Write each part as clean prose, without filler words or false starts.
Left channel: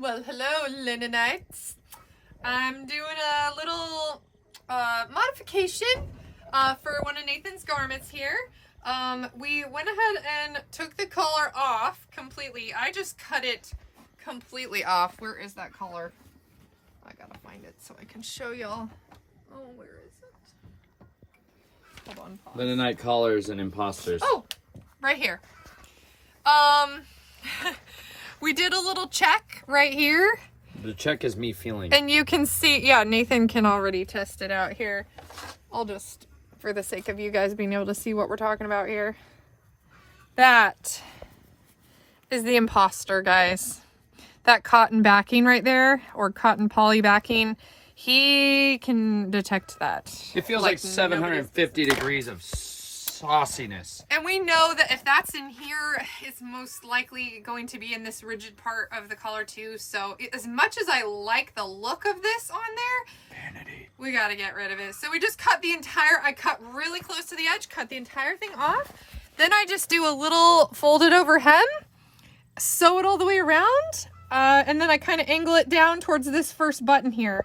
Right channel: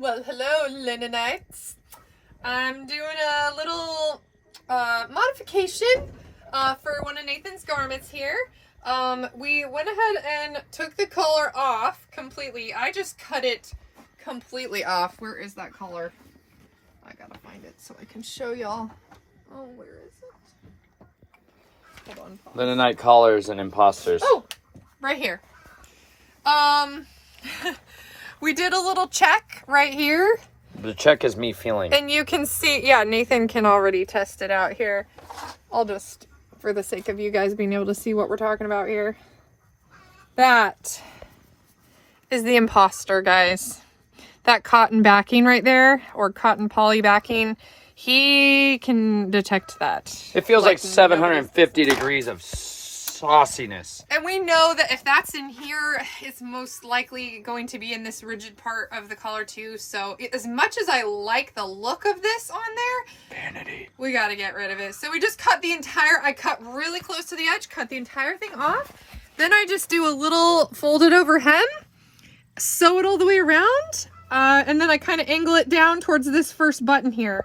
Well, hello, Linenites. I'm doing a little modification for one of Nathan's garments here. We went ahead and took the collar off completely. I just cut it completely off. Where is that collar? I gotta find it so I can show y'all. Oh, where is it? Hold on. Pause. Linenite collars and imposters. Oh, right here. We did a little check right here. The check is me feeling. And you can see, yeah, Nathan can already test it out here. I'll just, for the sake of you guys being able to see what we're talking about here. That is the imposter, guys. That cotton backing right there, or cotton poly backing, he can detect that. It feels like 750 degrees of sauciness. And we know that if that's in here, it's most likely going to be in this rigid part of the collar too. So as much as I like the look of this on there, vanity, we got to get rid of it. So we just cut the entire, I cut really close to the edge, cut the entire thing off. Then I just do a little folded over hem, sew it all the way around. And then I kind of angle it down towards this first button here.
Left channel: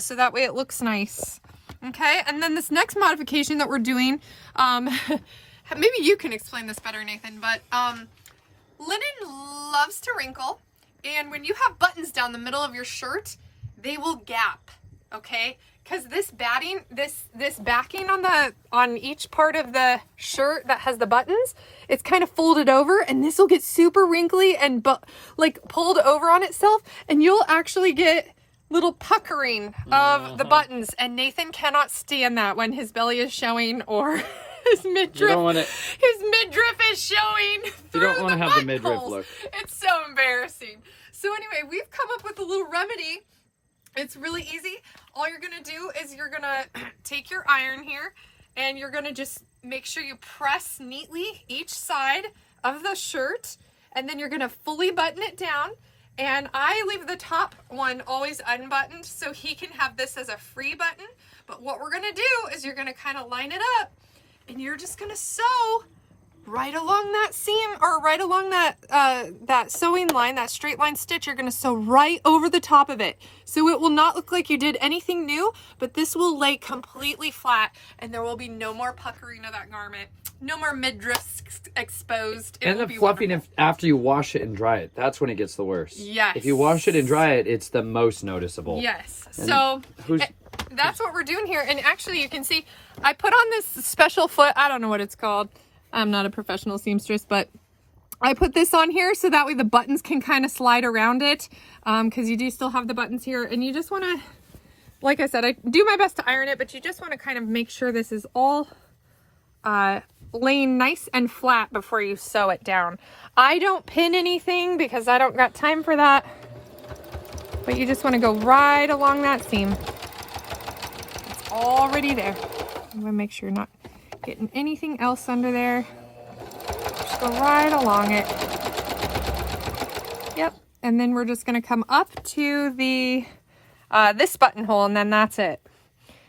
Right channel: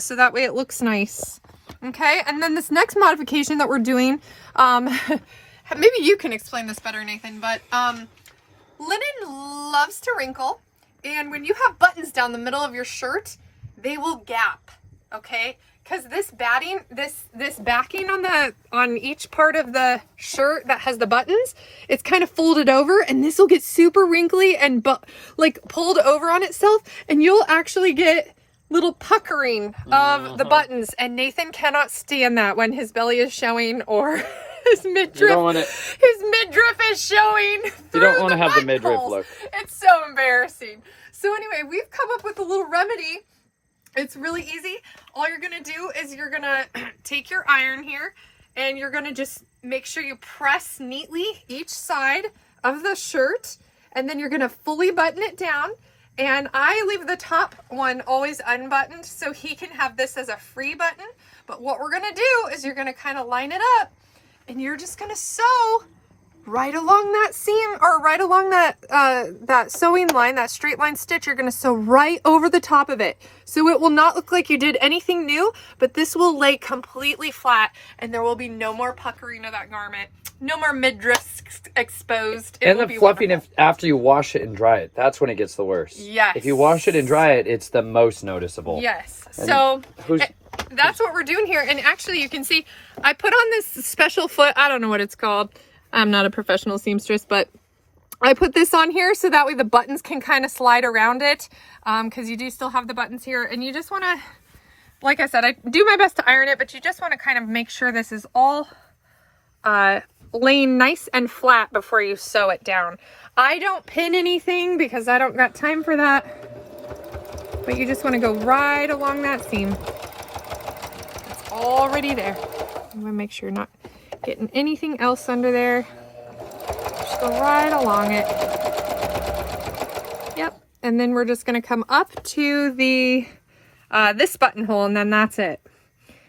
So that way it looks nice. Okay, and then this next modification that we're doing, maybe you can explain this better, Nathan, but linen loves to wrinkle, and when you have buttons down the middle of your shirt, they will gap, okay? Because this batting, this backing on each part of the shirt that has the buttons, it's kind of folded over, and this will get super wrinkly and like pulled over on itself, and you'll actually get little puckering of the buttons, and Nathan cannot stand that when his belly is showing or his midriff is showing. You don't want to have the midriff look. It's so embarrassing. So anyway, we've come up with a little remedy. It's really easy. All you're gonna do is you're gonna take your iron here, and you're gonna just make sure you press neatly each side of the shirt, and then you're gonna fully button it down. And I leave the top one always unbuttoned so he can have this as a free button. But what we're gonna do is you're gonna kind of line it up, and you're just gonna sew right along that seam, or right along that sewing line, that straight line stitch. You're gonna sew right over the top of it. So it will not look like you did anything new, but this will lay completely flat, and there will be no more puckering of that garment. No more midriffs exposed. And the fluffing after you wash it and dry it. That's when it gets the worst. Yes. If you wash it and dry it, it's the most noticeable. Yes. And so that's what we're doing here. And actually you can see I put on this special foot. I don't know what it's called. I'm not a professional seamstress, but I put this on here so that way the buttons can kind of slide around it. Because you do still have the buttons here, and you just want to, like I said, I do my best to iron it, but you just want to kind of make sure this is all laying nice and flat before you sew it down. I don't pin anything because I don't got time for that, but you just want to go right along that seam. It's already there. I'm gonna make sure you're not getting anything else under there. Just go right along it. Yep. And then we're just gonna come up to the this buttonhole, and then that's it,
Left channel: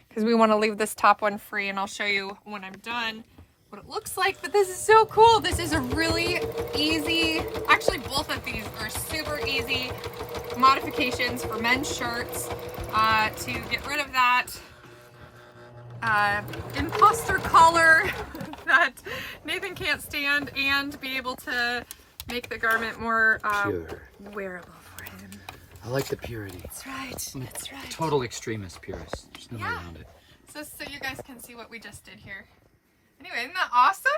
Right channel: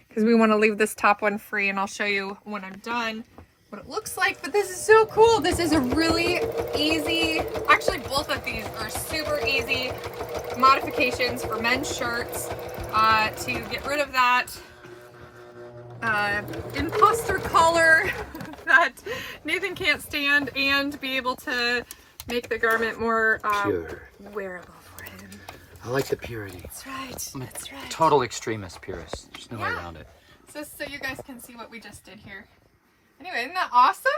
because we want to leave this top one free, and I'll show you when I'm done what it looks like. But this is so cool. This is a really easy, actually both of these are super easy modifications for men's shirts to get rid of that imposter collar that Nathan can't stand, and be able to make the garment more pure, wearable for him. I like the purity. That's right. That's right. Total extremist purist. There's no way around it. So you guys can see what we just did here. Anyway, isn't that awesome?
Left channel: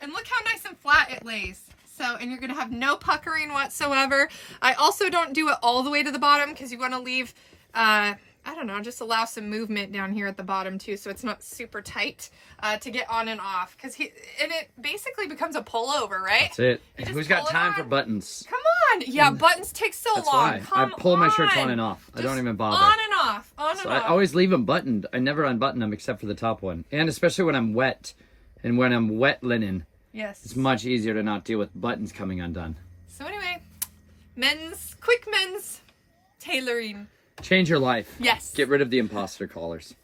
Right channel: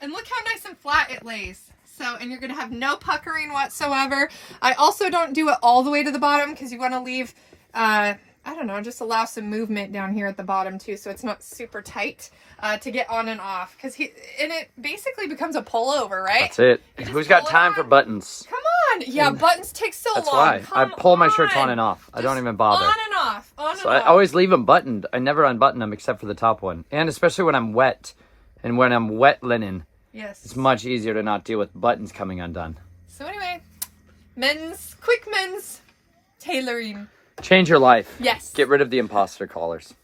And look how nice and flat it lays. So, and you're gonna have no puckering whatsoever. I also don't do it all the way to the bottom, because you want to leave, I don't know, just allow some movement down here at the bottom too, so it's not super tight to get on and off. Because and it basically becomes a pullover, right? That's it. Who's got time for buttons? Come on. Yeah, buttons take so long. That's why I pull my shirts on and off. I don't even bother. On and off. On and off. I always leave them buttoned. I never unbutton them except for the top one. And especially when I'm wet. And when I'm wet linen, yes, it's much easier to not deal with buttons coming undone. So anyway, quick men's tailoring. Change your life. Yes. Get rid of the imposter collars.